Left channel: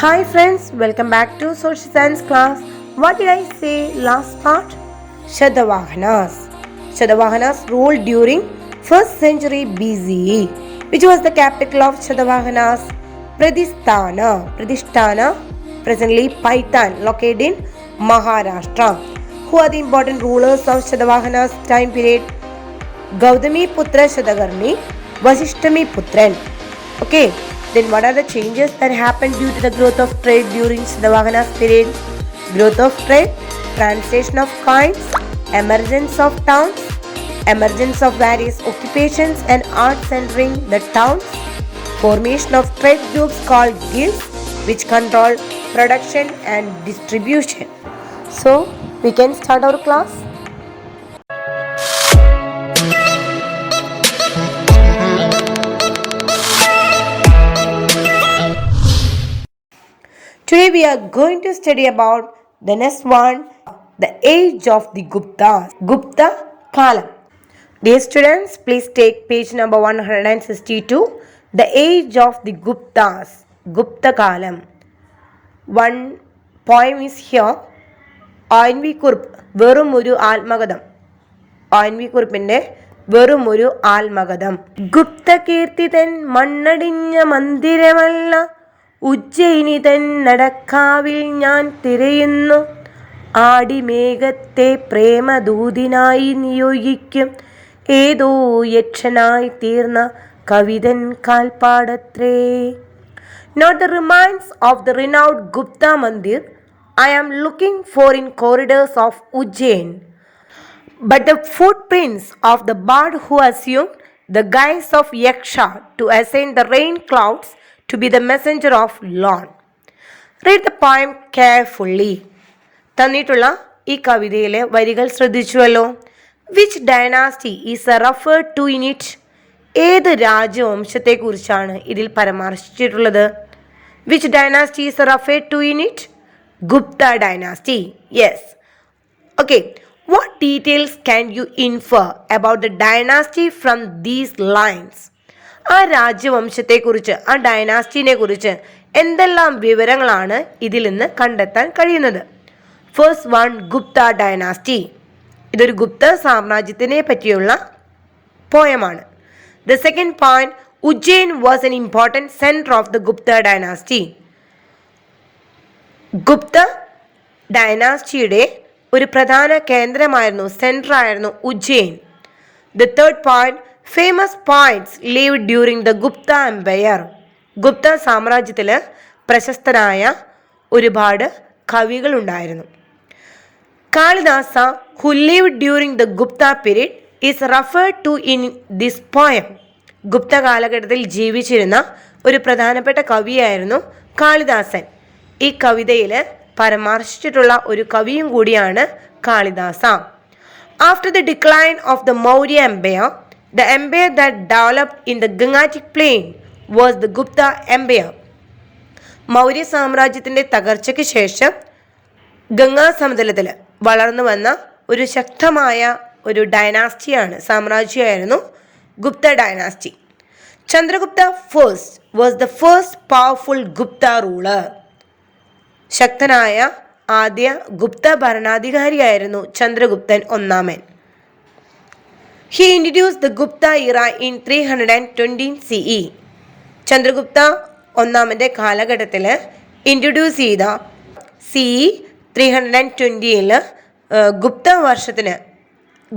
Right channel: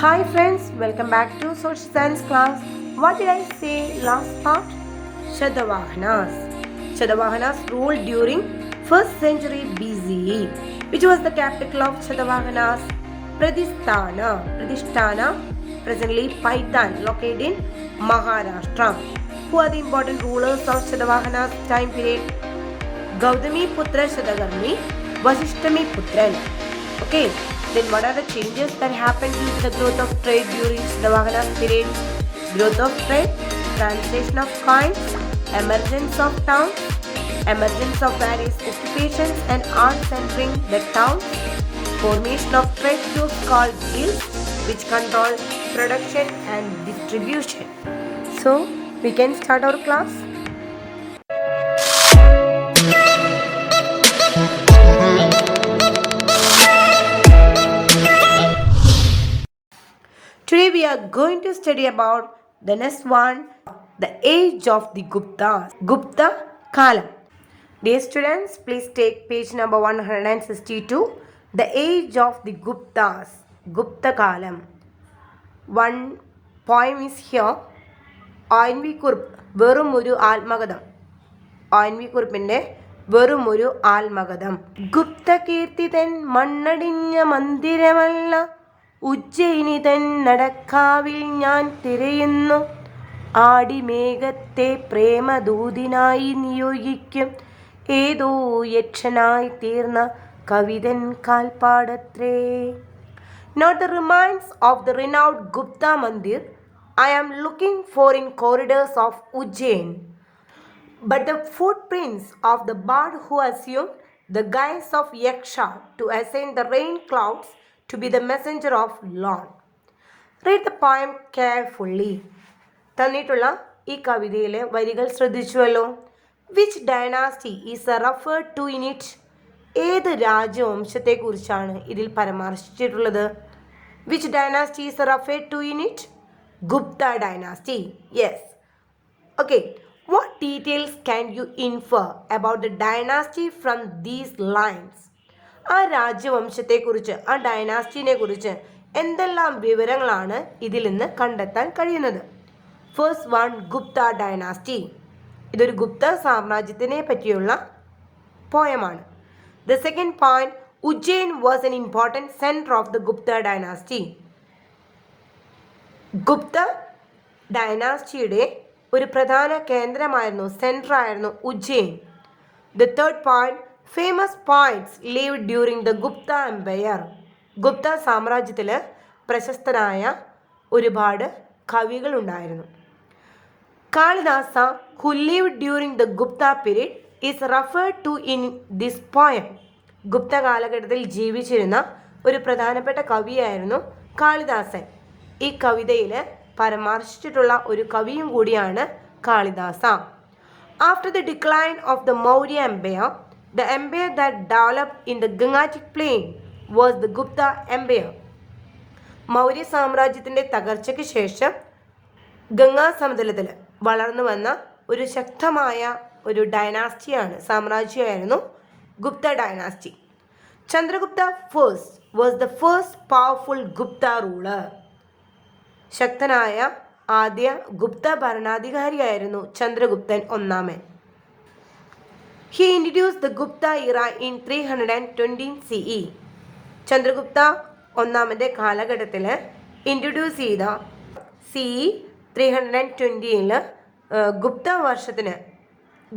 Hi friends, welcome back to Social Science class. What did I say last part? Shatavahanas. Shatavahanas ruled during 1st century BCE. Which was the capital of Shatavahanas? Pradhisthana, presently Paitan, located in Maharashtra. Who are the important rulers of Shatavahanas time period? Gautami Putra Shatakarni, Vasishtami Putran. Okay. Then what are the changes that happened due to the growth of trade during Shatavahana period? Growth of trade, translation of coins, emergence of towns, emergence of various occupations and arts entering the towns, formation of trade groups called guilds which control production and distribution. So we can start our class. Today we are going to study about the next one, the age of the Guptas, Gupta Kalam. Dear students, please take page number 162, the age of the Guptas, Gupta Kalam. One poem is here, Oinvi-Kurup, Verumuru Almagadam. Oinvi-Kurupinte Verumuru Almagadam. Gupta Kirtithan Mannadinja Mandiramalla ഉജ്ജയിനിതൻ നടക്കാവിൽ ഞാൻ തിരയുന്നു ആടിമേഘത്തെ പ്രേമദൂതിനായി നിയോഗിക്കും ഏതോ യക്ഷനായി തീർന്ന കവിതൻ കാൽപ്പാടത്രേ. Not the remains of the renowned Gupta Mandir I am looking for in corridors of Ujjain, but the footprints of the bard who assumed the guise of Yaksha to ascend the rain clouds to be the messenger of Lord. Read the poem carefully. തന്നിട്ടുള്ള ഈ കവിതയിലെ വരികൾ ശ്രദ്ധിച്ചുവല്ലോ. Which dynasty is referred to in it? ഏത് രാജവംശത്തെക്കുറിച്ചാണ് ഇതിൽ പരാമർശിച്ചിട്ടുള്ളത്? Which dynasty is referred to in it? Gupta dynasty. Yes. Okay. What details can you infer about the dynasty from these lines? ആ രാജ്യവംശത്തെക്കുറിച്ച്, ആ ഡൈനാസ്റ്റിനെ കുറിച്ച് എന്തെല്ലാം വിവരങ്ങളാണ് ഇതിൽ നിന്ന് കണ്ടെത്താൻ കഴിയുന്നത്? First one, Gupta dynasty. ഇതൊരു ഗുപ്ത സാമ്രാജ്യത്തിനെ പറ്റിയുള്ള പോയമാണ്. The second point, Ujjain was an important centre of the Gupta dynasty. Gupta ഡൈനാസ്റ്റിയുടെ ഒരു പ്രധാന കേന്ദ്രമായിരുന്നു, സെൻറ്ററായിരുന്നു Ujjain. The third point, famous poets lived during the Gupta empire. Gupta സാമ്രാജ്യത്തിൽ പ്രശസ്തരായ ഒരുപാട് കവികളുണ്ടായിരുന്നു. Kalidasa who lived during the Gupta period is referred to in this poem. Gupta കാലഘട്ടത്തിൽ ജീവിച്ചിരുന്ന ഒരു പ്രധാനപ്പെട്ട കവിയായിരുന്നു കാളിദാസൻ. ഈ കവിതയിൽ പരാമർശിച്ചിട്ടുള്ള ഒരു കവിയും കൂടിയാണ് Kalidasa. After the decline of the Maurya empire, the empire that developed in the Gangetic plain was the Gupta empire. Maurya സാമ്രാജ്യത്തിൻ്റെ തകർച്ചയ്ക്ക് ശേഷം ഗംഗാ സമതലത്തിൽ വളർന്നു വന്ന ഒരു ശക്തമായ ഒരു ഡൈനാസ്റ്റിയാണ്, സാമ്രാജ്യമായിരുന്നു Gupta dynasty. Chandragupta first was the first powerful Gupta ruler. ശക്തനായ ആദ്യ ഗുപ്ത ഭരണാധികാരിയായിരുന്നു ചന്ദ്രഗുപ്തൻ ഒന്നാമൻ. He introduced the Gupta era in 320 CE. Chandragupta ഒന്നാമൻ്റെ കാലഘട്ടത്തിൽ ഇൻട്രൊഡ്യൂസ് ചെയ്ത CE 320 ഗുപ്ത വർഷത്തിന്,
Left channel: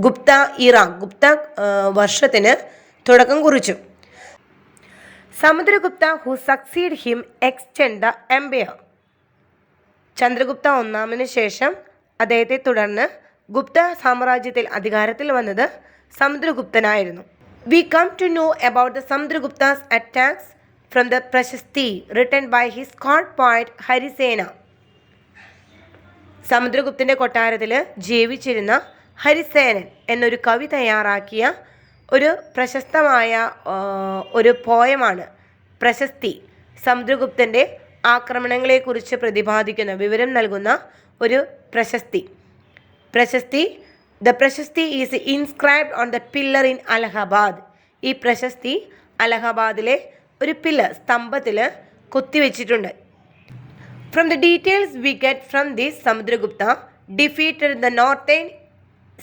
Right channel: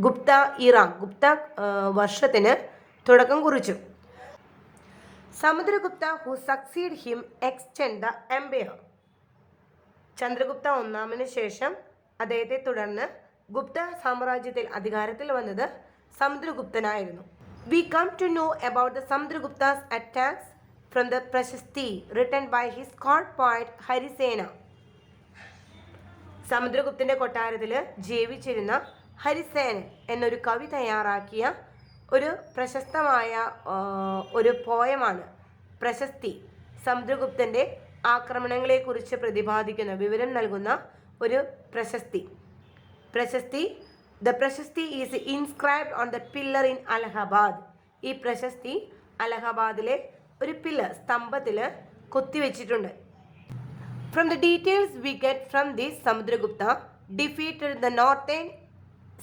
ഗുപ്ത ഇറ, ഗുപ്ത വർഷത്തിന് തുടക്കം കുറിച്ചു. Samudragupta who succeed him extend the empire. Chandragupta ഒന്നാമന് ശേഷം അദ്ദേഹത്തെ തുടർന്ന് ഗുപ്ത സാമ്രാജ്യത്തിൽ അധികാരത്തിൽ വന്നത് സമുദ്രഗുപ്തനായിരുന്നു. We come to know about the Samudragupta's attacks from the prashasti written by his court poet Harisena. സമുദ്രഗുപ്തൻ്റെ കൊട്ടാരത്തിൽ ജീവിച്ചിരുന്ന ഹരിസേനൻ എന്നൊരു കവി തയ്യാറാക്കിയ ഒരു പ്രശസ്തമായ ഒരു പോയമാണ് പ്രശസ്തി. സമുദ്രഗുപ്തൻ്റെ ആക്രമണങ്ങളെക്കുറിച്ച് പ്രതിപാദിക്കുന്ന, വിവരം നൽകുന്ന ഒരു പ്രശസ്തി. The പ്രശസ്തി is inscribed on the pillar in Allahabad. ഈ പ്രശസ്തി അലഹബാദിലെ ഒരു pillar, സ്തംഭത്തിൽ കൊത്തിവെച്ചിട്ടുണ്ട്. From the details we get from this, Samudragupta defeated the northern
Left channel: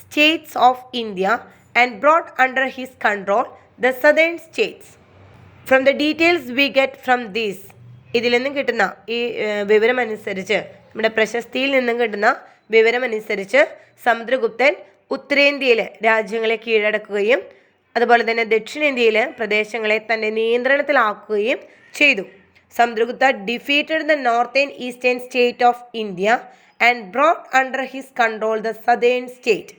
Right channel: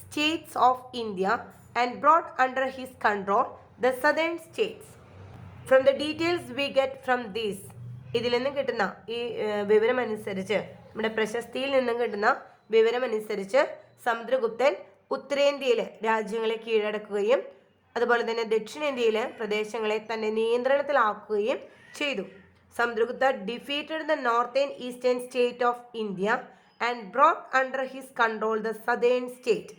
states of India and brought under his control the southern states. From the details we get from this, ഇതിൽ നിന്നും കിട്ടുന്ന ഈ വിവരമനുസരിച്ച്, നമ്മുടെ പ്രശസ്തിയിൽ നിന്നും കിട്ടുന്ന വിവരമനുസരിച്ച് സമുദ്രഗുപ്തൻ ഉത്തരേന്ത്യയിലെ രാജ്യങ്ങളെ കീഴടക്കുകയും അതുപോലെ തന്നെ ദക്ഷിണേന്ത്യയിലെ പ്രദേശങ്ങളെ തൻ്റെ നിയന്ത്രണത്തിലാക്കുകയും ചെയ്തു. Samudragupta defeated the northern eastern state of India and brought under his control the southern state.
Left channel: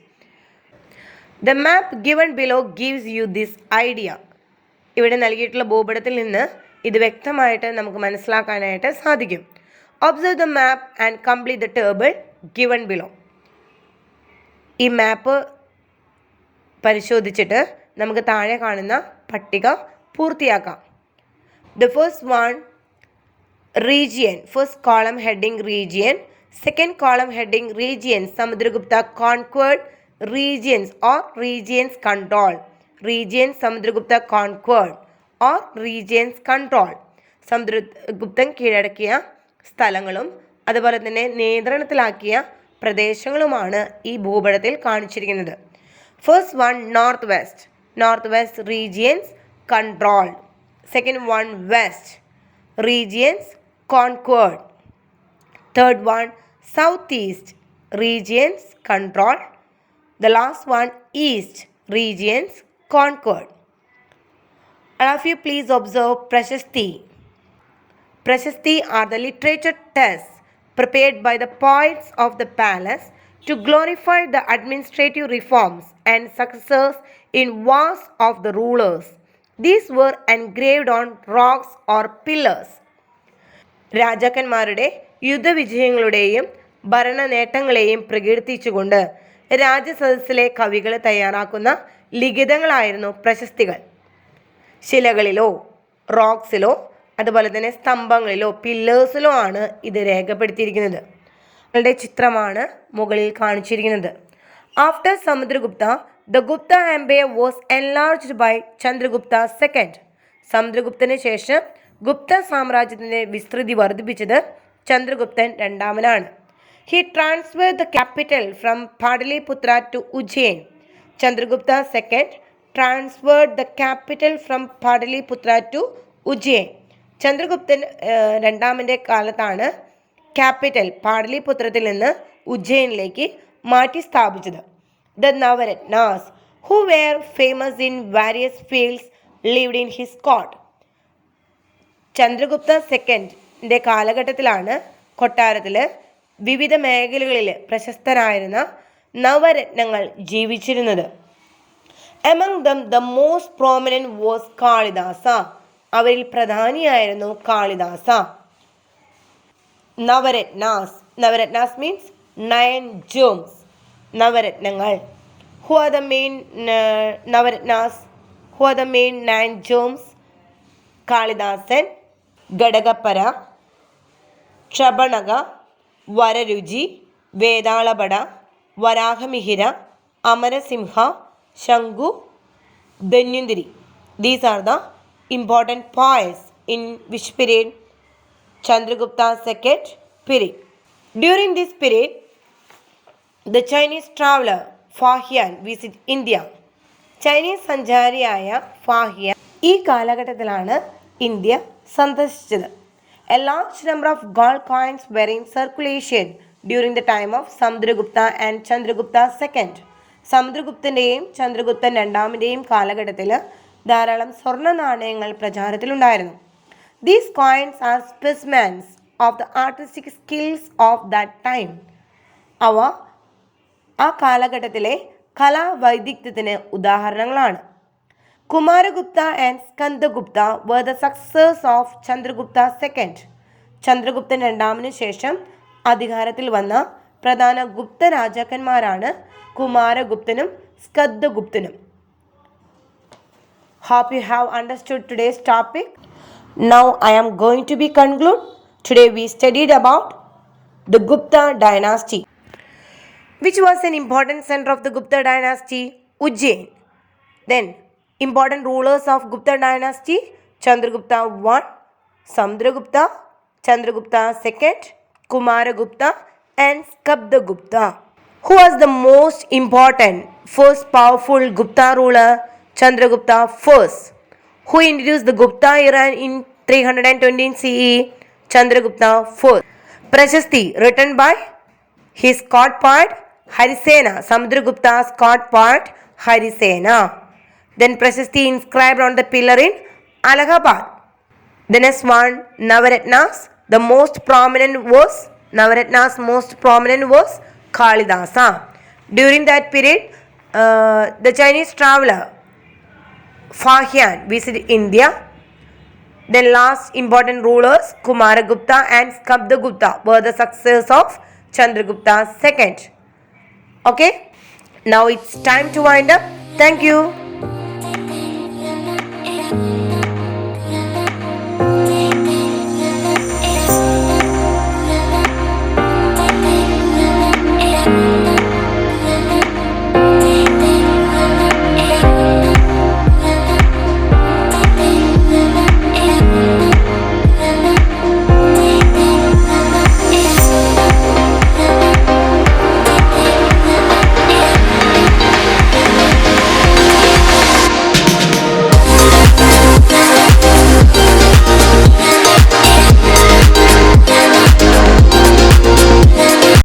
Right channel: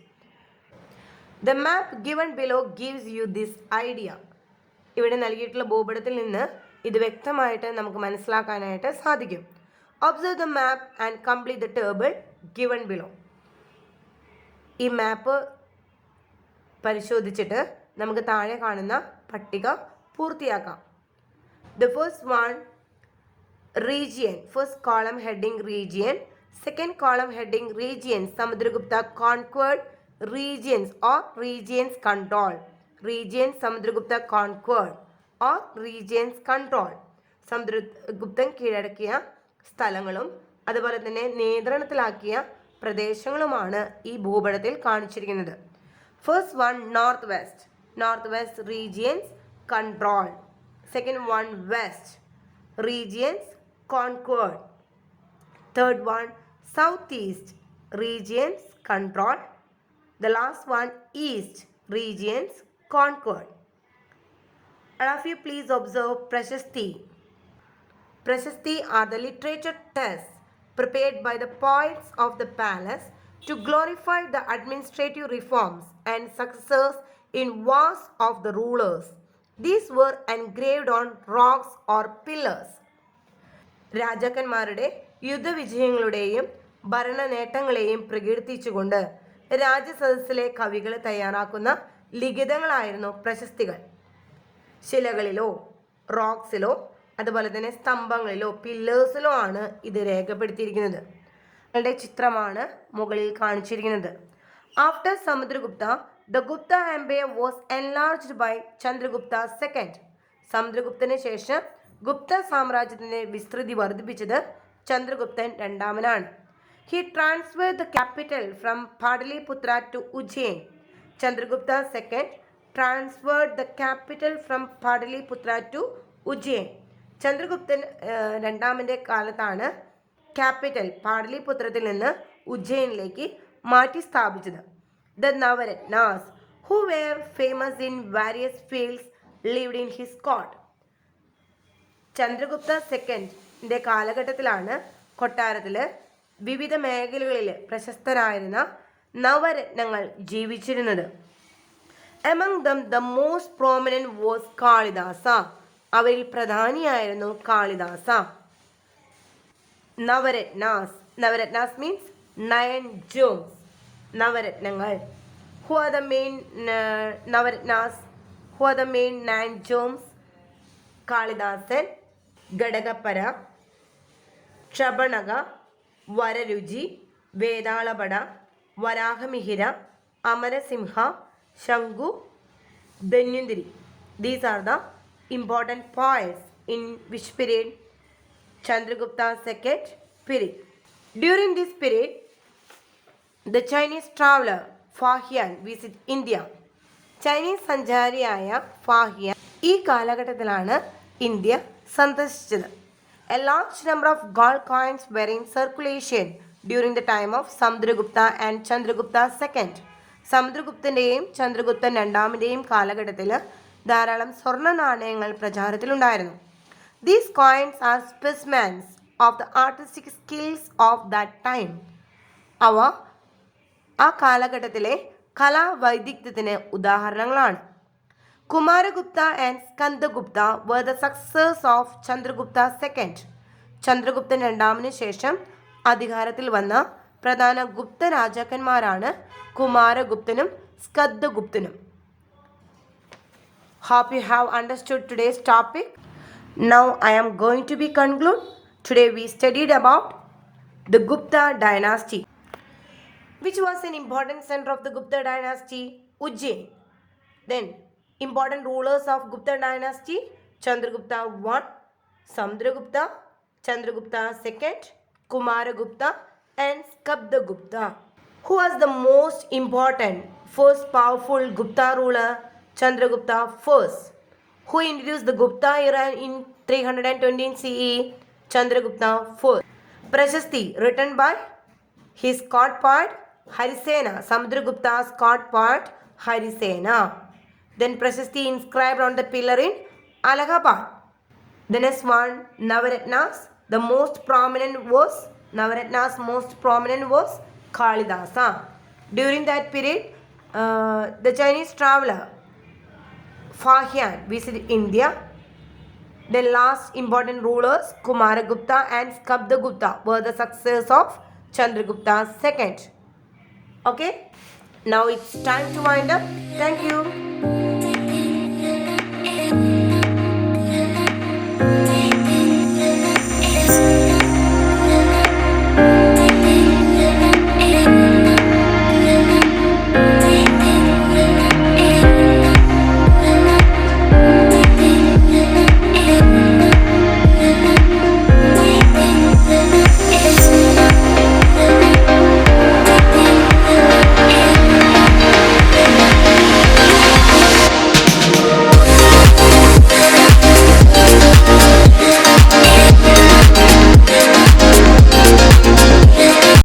The map given below gives you this idea. ഇവിടെ നൽകിയിട്ടുള്ള ഭൂപടത്തിൽ നിന്ന് ഇത് വ്യക്തമായിട്ട് നമുക്ക് മനസ്സിലാക്കാനായിട്ട് സാധിക്കും. Observe the map and complete the table given below. ഈ മാപ്പ് പരിശോധിച്ചിട്ട് നമുക്ക് താഴെ കാണുന്ന പട്ടിക പൂർത്തിയാക്കാം. The first one, region. First column heading region. Second column heading region. Samudragupta conquered regions or regions control. Regions Samudragupta conquered or regions control. സമുദ്രഗുപ്തൻ കീഴടക്കിയ സ്ഥലങ്ങളും അതുപോലെ തന്നെ നിയന്ത്രണത്തിലാക്കിയ പ്രദേശങ്ങളുമാണ് ഈ ഭൂപടത്തിൽ കാണിച്ചിരിക്കുന്നത്. First one north west. North west regions controlled. Second one west regions conquered. Third one, southeast regions controlled. The last one, east regions conquered. All of you please observe Prashasti. Prashasti are the literature tests prepared by the poets of the palace to glorify the administrative reforms and successes in wars of the rulers. These were engraved on rocks or pillars. രാജാക്കന്മാരുടെ യുദ്ധവിജയങ്ങളുടെയും ഭരണ നേട്ടങ്ങളെയും പ്രകീർത്തിച്ചുകൊണ്ട് രാജസദസ്സിലെ കവികൾ തയ്യാറാക്കുന്ന ലിഖിതങ്ങളായിരുന്നു പ്രശസ്തികൾ. ശിലകളിലോ റോക്സിലോ അതുപോലെ തന്നെ സ്തംഭങ്ങളിലോ പില്ലേഴ്സിലോ ആണ് ഇത് രേഖപ്പെടുത്തിയിരിക്കുന്നത്. അവരുടെ ചിത്രമാണ് മുകളിൽ കാണിച്ചിരിക്കുന്നത്. After Samudragupta the Gupta Empire was enlarged by Chandragupta II. സമുദ്രഗുപ്തന് ശേഷം ഗുപ്ത സാമ്രാജ്യത്തിൻ്റെ വിസ്തൃതി വർദ്ധിപ്പിച്ചത് ചന്ദ്രഗുപ്തൻ രണ്ടാമനാണ്. He transferred the capital from Pataliputra to Ujjain. Chandragupta II transferred the capital from Pataliputra to Ujjain. ചന്ദ്രഗുപ്തൻ രണ്ടാമൻ്റെ കാലത്താണ് ക്യാപിറ്റൽ പാടലിപുത്രത്തിൽ നിന്ന് ഉജ്ജയിനിലേക്ക് മാറ്റി സ്ഥാപിച്ചത്. The Navaratnas, who were famous in various fields, lived in his court. Chandragupta സെക്കൻഡിൻ്റെ കാലഘട്ടത്തിലാണ് കൊട്ടാരത്തിൽ വിവിധ മേഖലകളിൽ പ്രശസ്തരായിരുന്ന നവരത്നങ്ങൾ ജീവിച്ചിരുന്നത്. Among them the most prominent was Kalidasa. അവരിൽ പ്രധാനിയായിരുന്നു കാളിദാസ. Navaratnas means 9 gems. നവരത്നങ്ങൾ. Who are the main Navaratnas? Who are the main 9 gems? കാളിദാസൻ, Ghatakarpara, Kshapanaka, Vararuchi, Vetalabhatta, Varahamihira, Amarasimha, Shanku, Dhanvantari. These are the important poets in which period? Chandragupta's second period. During this period, the Chinese traveler Fahien visit India. Chinese സഞ്ചാരിയായ Fahien ഈ കാലഘട്ടത്തിലാണ് India സന്ദർശിച്ചത്. A large number of gold coins were in circulation during the time of Samudragupta and Chandragupta second. സമുദ്രഗുപ്തൻ്റെയും ചന്ദ്രഗുപ്തൻ രണ്ടാമൻ്റെയും കാലഘട്ടത്തിൽ ധാരാളം സ്വർണ്ണ നാണയങ്ങൾ പ്രചാരത്തിലുണ്ടായിരുന്നു. These coins are specimens of the artistic skills of that time. അവ ആ കാലഘട്ടത്തിലെ കലാവൈദഗ്ധ്യത്തിന് ഉദാഹരണങ്ങളാണ്. Kumaragupta and Skandagupta were the successors of Chandragupta II. ചന്ദ്രഗുപ്തൻ രണ്ടാമന് ശേഷം അധികാരത്തിൽ വന്ന പ്രധാന Gupta രാജാക്കന്മാരാണ് കുമാരഗുപ്തനും സ്കന്ദഗുപ്തനും. Hope you have understood today's topic. Now I am going to be conclude. Today we studied about the Gupta dynasty. Which was an important center of the Gupta dynasty? Ujjain. Then important rulers of Gupta dynasty: Chandragupta I, Samudragupta, Chandragupta II, Kumaragupta and Skabdagupta. Who was the most important first powerful Gupta ruler? Chandragupta first. Who introduced the Gupta era in 320 CE? Chandragupta first. Prashasti written by his court poet Harisena. Samudragupta's court poet Harisena. Then Prashasti inscribed on the pillar in Allahabad. The next one, Navaratnas. The most prominent was Kalidasa. During that period, the Chinese traveler Fahian visited India. Then last important rulers Kumaragupta and Skabdagupta were the successors of Chandragupta II. Okay, now it's time to wind up. Thank you.